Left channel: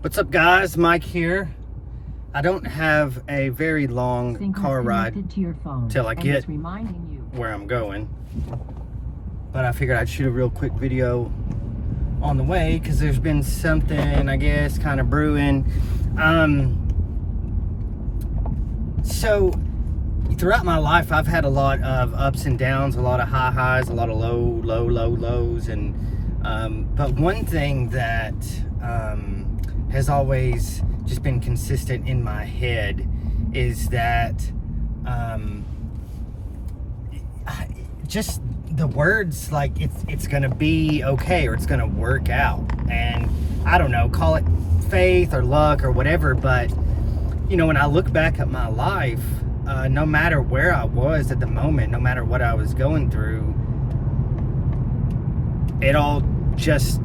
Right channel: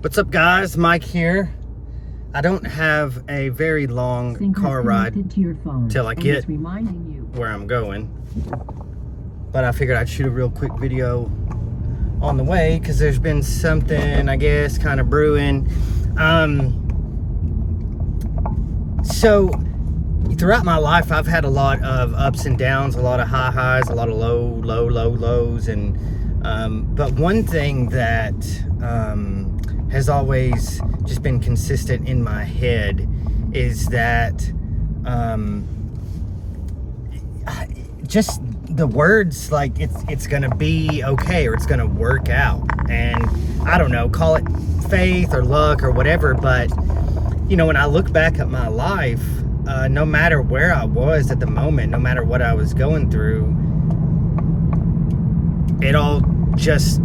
What's up, guys? Mike here. I don't have a very long car ride to your phone, till I get reminding you where I'm going, but I figured I'd shoot a real quick video on the way because there's been something, I guess, kind of brewing. So throughout my life, I've had a lot of ups and downs, a lot of high highs, a lot of low lows, and but one thing that has always just been consistent in my head is that just the words like it's gonna be okay, or it's gonna work out. And I don't know, call it faith or luck or whatever, but you know, when I look back at my life, no matter where I was at the moment, no matter what I was going through, it all just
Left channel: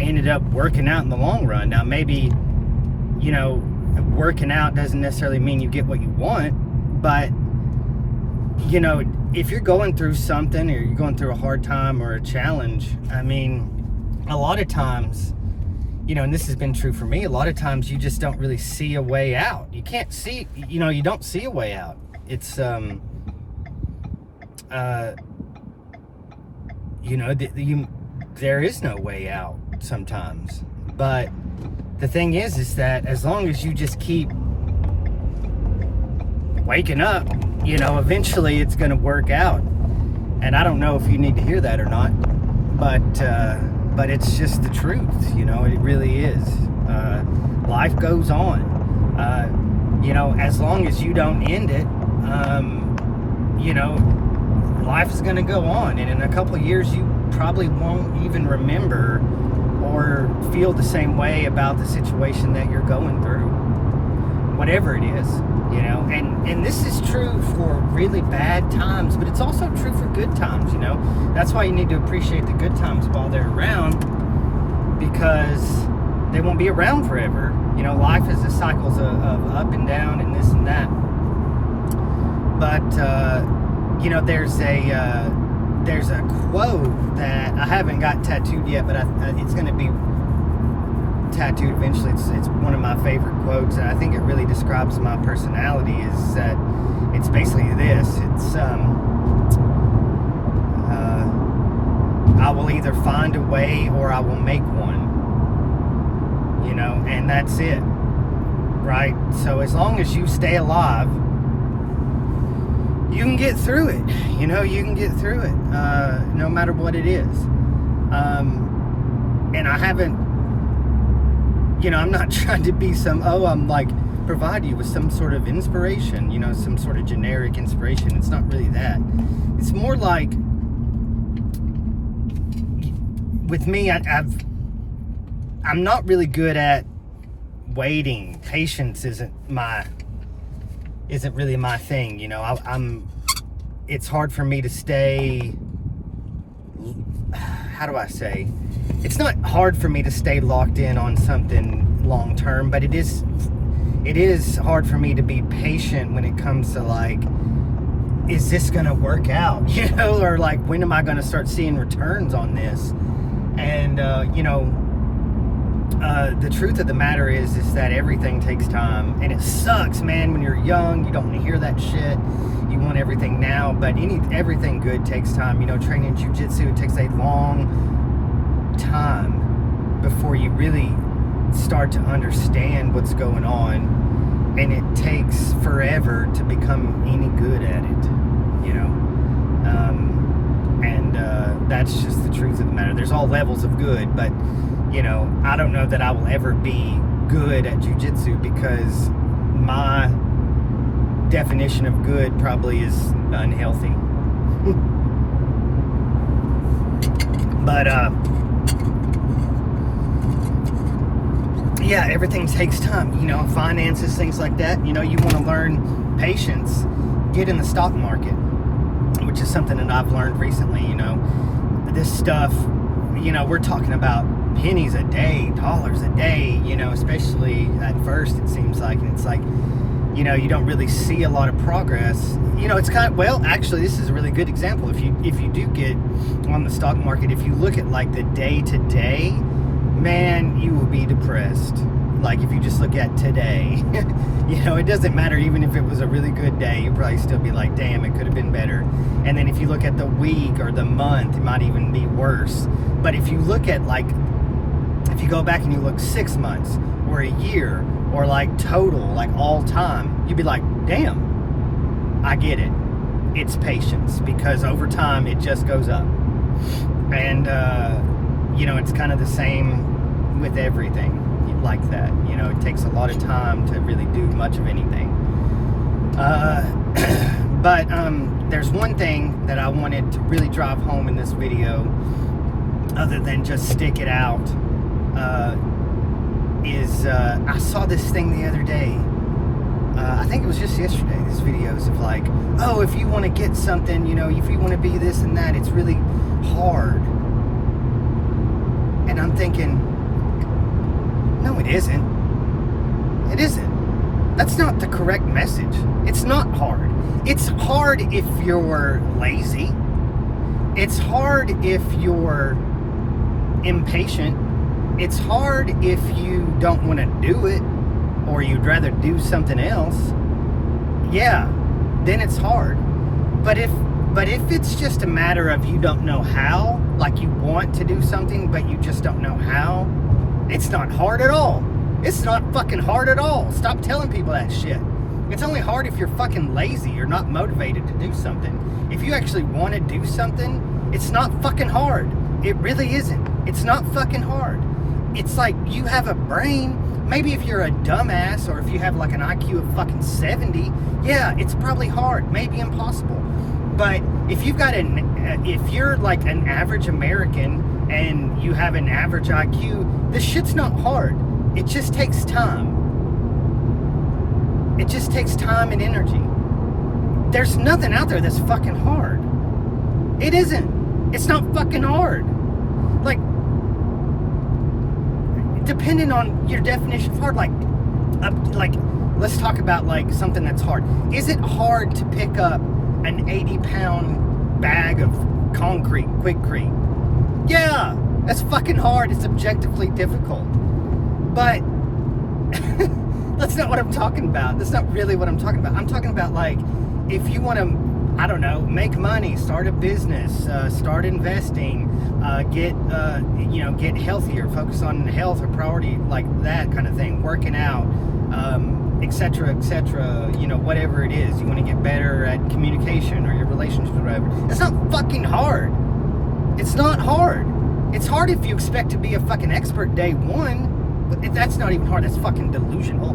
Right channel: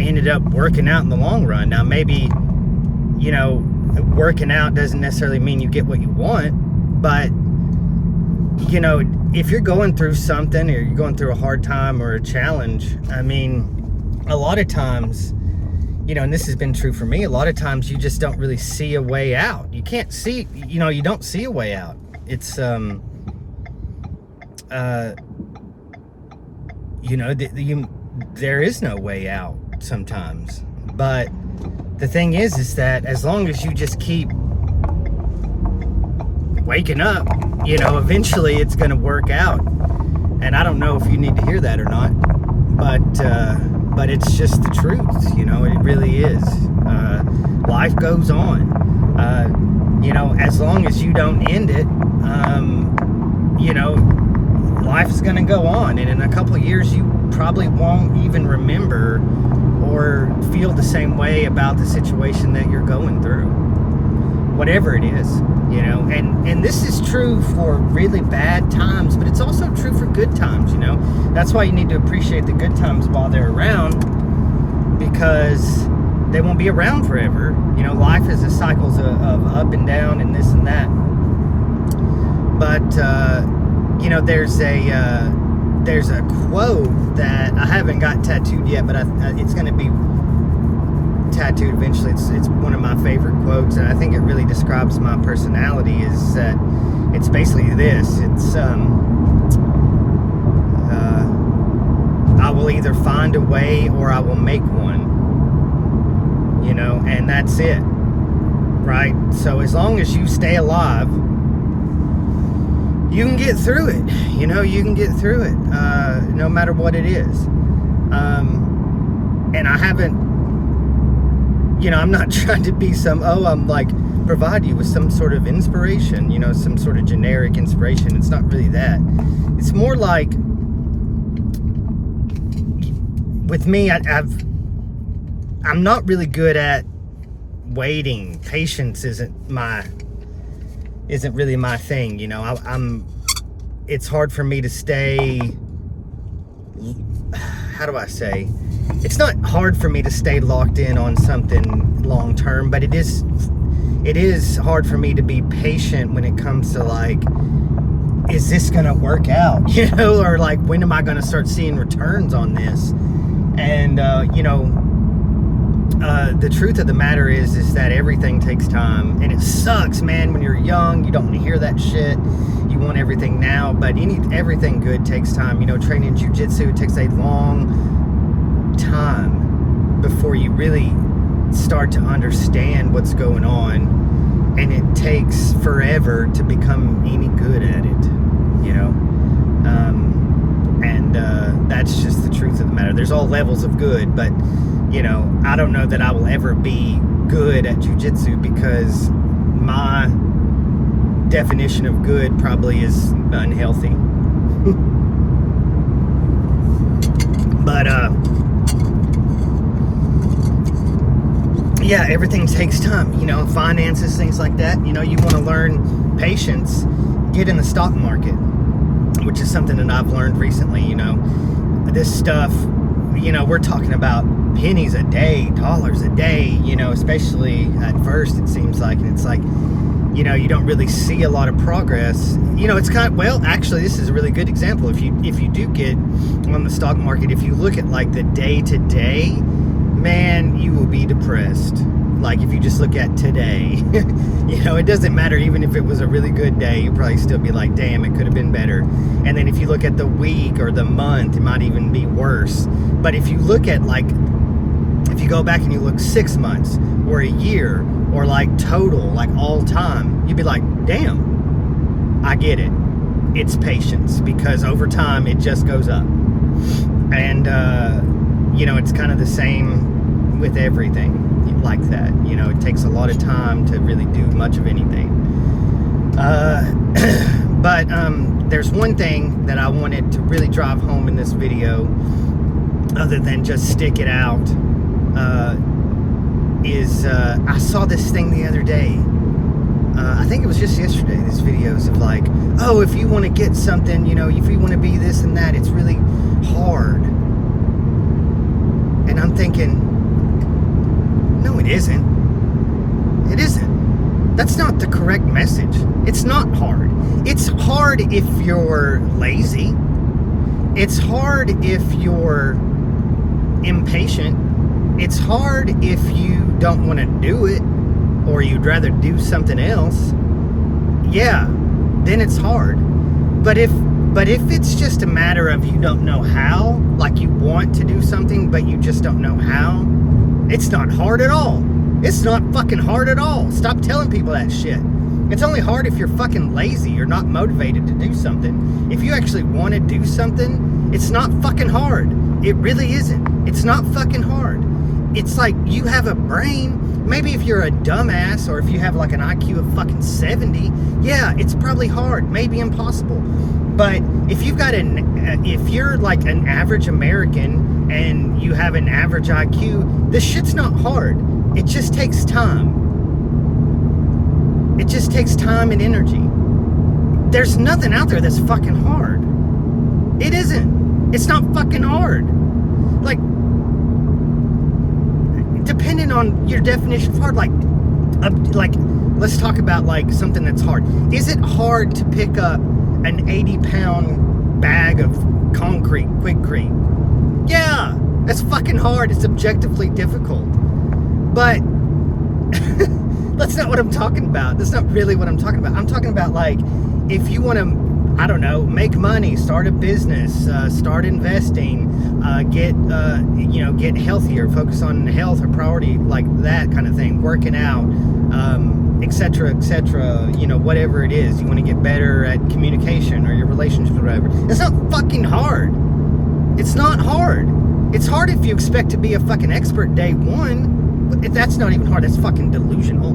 ended up working out in the long run. Now, maybe, you know, working out doesn't necessarily mean you get what you want, but, you know, if you're going through something, or you're going through a hard time or a challenge, I mean, a lot of times, you know, and this has been true for me, a lot of times you just don't really see a way out. You can't see, you know, you don't see a way out. It's, you know, there is no way out sometimes. But the thing is that as long as you just keep waking up, you know, eventually it's going to work out. And I don't know if you need to hear that or not, but it's just the truth, you know. It really is. Life goes on. You know, as long as you don't end it, you know, life is going to go on. And in a couple of years, you probably won't even remember or feel the same way about the situation that you're going through, whatever it is, you know. And this is true for really bad times, but it's also true for good times, you know. That's why you need to appreciate the good times while they're around, because they won't be around forever. You know, life is a cycles of up and down and this and that. But you know, there's a quote that I haven't got tattooed yet, but it's going to be tattooed eventually. It's one of my favorite quotes, and I think it really describes my personality. Is that it's basically this: it's I will either find a way or I will make one. You know, and that's it, right? So as long as you stay alive, you can get through it. You know, you can get through it, no matter what it is. And I haven't, you know, I'm not trying to be I'm like, provide you with some sort of inspiration, you know, some sort of generic inspiration. It's not really that. It's more like, with me, I'm not really good at waiting. Patience isn't really my thing, you know. It's hard for me to stay, how do I say? It's not hard for me to stay locked in on something long term, but it is hard for me to be patient when it comes to, like, is this gonna work out? You know, or like, when am I gonna start seeing returns on this? And you know, the truth of the matter is that everything takes time, and it sucks, man. When you're young, you don't want to hear that shit. You want everything now, but everything good takes time. You know, training jiu-jitsu, it takes a long time before you really start to understand what's going on, and it takes forever to become any good at it, you know. And that's just the truth of the matter. There's all levels of good, but you know, I don't know that I will ever be good at jiu-jitsu, because my definition of good probably is unhealthy. But yeah, everything takes time, you know, finances, things like that. You know, you want to learn patience, get in the stock market, which is something that I've learned recently. You know, this stuff, you know, we're talking about pennies a day, dollars a day, you know, especially at first, it seems like. And it's like, you know, you don't really see a lot of progress. You know, it's kind of, well, actually, this is a really good example. If you do get on the stock market, if you look at like the day to day, man, you will be depressed. Like if you just look at today, you know, it doesn't matter. Even if it was a really good day, you'd probably still be like, damn, it could have been better. And then if you look at the week or the month, it might even be worse. But if you look at like, if you go back and you look 6 months or a year or like total, like all time, you'd be like, damn, I get it. It's patience, because over time it just goes up. And, you know, it's kind of the same with everything like that. You know, it takes a lot of time to really do much of anything. But there's one thing that I wanted to really drive home in this video, other than just stick it out, is I saw this thing the other day. I think it was just yesterday, these videos of like, oh, if you want to get something, you know, if you want to be this and that, it's really hard. And I'm thinking, no, it isn't. It isn't. That's not the correct message. It's not hard. It's hard if you're lazy. It's hard if you're impatient. It's hard if you don't want to do it, or you'd rather do something else. Yeah, then it's hard. But if it's just a matter of you don't know how, like you want to do something but you just don't know how, it's not hard at all. It's not fucking hard at all. Stop telling people that shit. It's only hard if you're fucking lazy or not motivated to do something. If you actually want to do something, it's not fucking hard. It really isn't. It's not fucking hard. It's like you have a brain. Maybe if you're a dumbass, or if you have like an IQ of fucking 70, yeah, it's probably hard, maybe impossible. But if you've got if you're like an average American and you have an average IQ, this shit's not hard. It just takes time. It just takes time and energy. There's nothing out there that's fucking hard. It isn't. It's not fucking hard. Like, depending on your definition of hard, like let's talk about like something that's hard. Is it hard to pick up an 80-pound bag of concrete, Quikrete? Yeah, that's fucking hard. It's objectively difficult. But that's not what I'm talking about. That's not really what I'm talking about. I'm talking about like, if you want to, I don't know, make money, start a business, start investing, get healthier, focus on health or priority, like that kind of thing, working out, etc., you know, whatever it is. You want to get better at communication or your relationships or whatever. It's not fucking hard. It's not hard. It's hard if you expect to be a fucking expert day one, but that's not even hard. That's fucking delusional.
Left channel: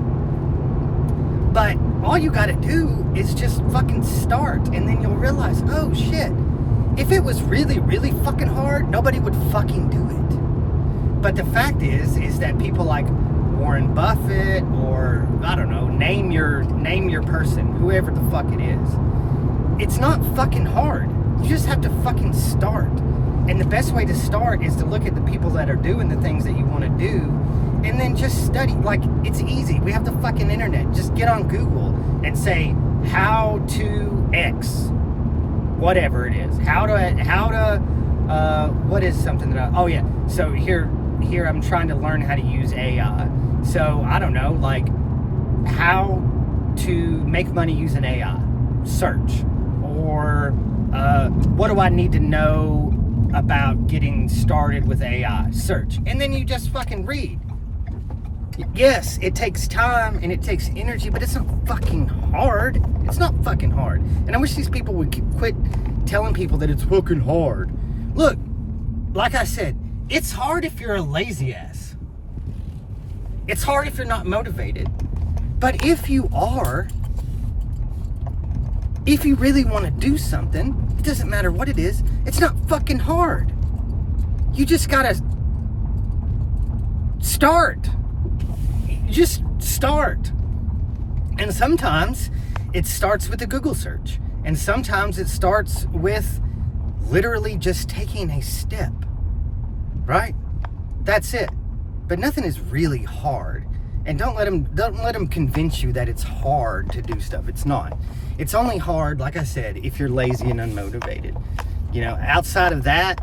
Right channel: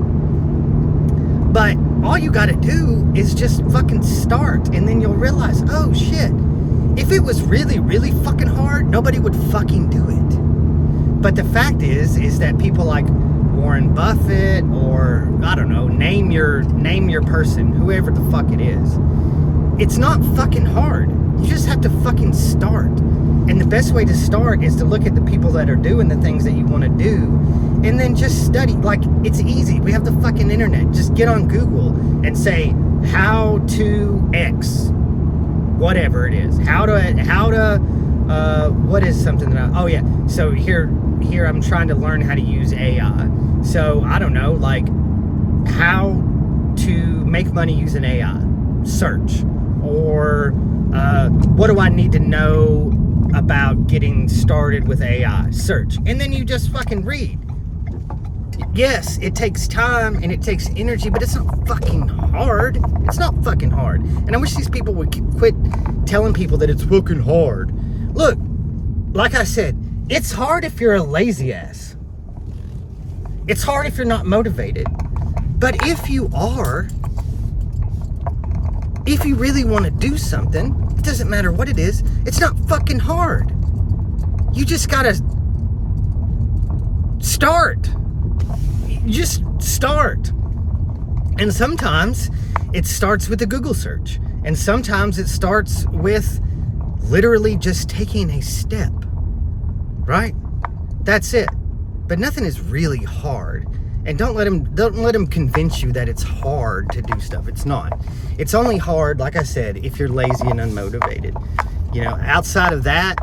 But all you gotta do is just fucking start, and then you'll realize, oh shit, if it was really, really fucking hard, nobody would fucking do it. But the fact is that people like Warren Buffett, or I don't know, name your person, whoever the fuck it is, it's not fucking hard. You just have to fucking start. And the best way to start is to look at the people that are doing the things that you want to do, and then just study. Like, it's easy. We have the fucking internet. Just get on Google and say, how to X, whatever it is. What is something that oh yeah. So here I'm trying to learn how to use AI. So I don't know, like how to make money using AI. Search. Or what do I need to know about getting started with AI? Search. And then you just fucking read. Yes, it takes time and it takes energy, but it's not fucking hard. It's not fucking hard. And I wish these people would quit telling people that it's fucking hard. Look, like I said, it's hard if you're a lazy ass. It's hard if you're not motivated. But if you are, if you really want to do something, it doesn't matter what it is, it's not fucking hard. You just gotta start. Just start. And sometimes it starts with a Google search, and sometimes it starts with literally just taking a step, right? That's it. But nothing is really hard. And don't let them convince you that it's hard to do stuff. It's not. It's only hard, like I said, if you're lazy and unmotivated. You know, outside of that,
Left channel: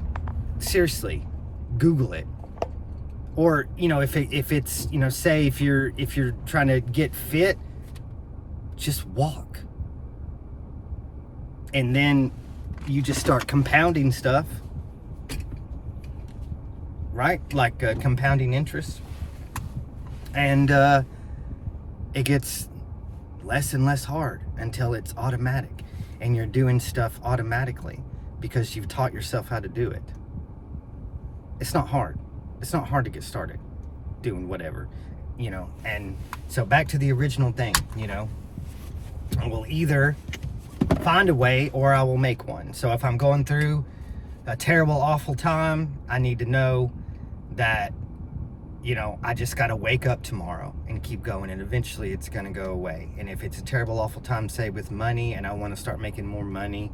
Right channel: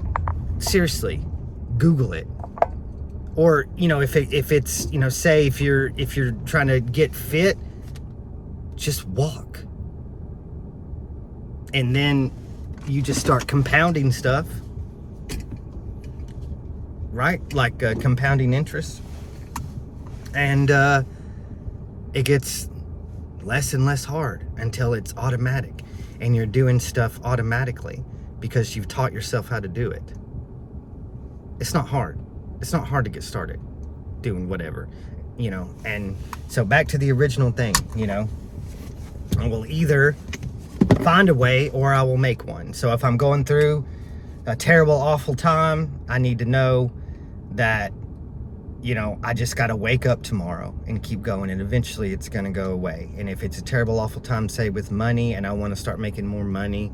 seriously, Google it. Or, you know, if it's, you know, say if you're trying to get fit, just walk. And then you just start compounding stuff, right? Like compounding interest. And it gets less and less hard until it's automatic. And you're doing stuff automatically because you've taught yourself how to do it. It's not hard. It's not hard to get started doing whatever, you know. And so back to the original thing, you know, I will either find a way or I will make one. So if I'm going through a terrible, awful time, I need to know that, you know, I just got to wake up tomorrow and keep going, and eventually it's going to go away. And if it's a terrible, awful time, say with money, and I want to start making more money,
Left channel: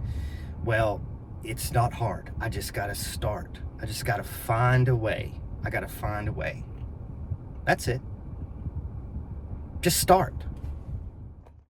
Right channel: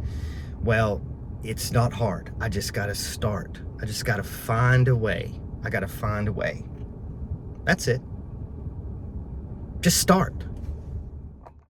well, it's not hard. I just got to start. I just got to find a way. I got to find a way. That's it. Just start.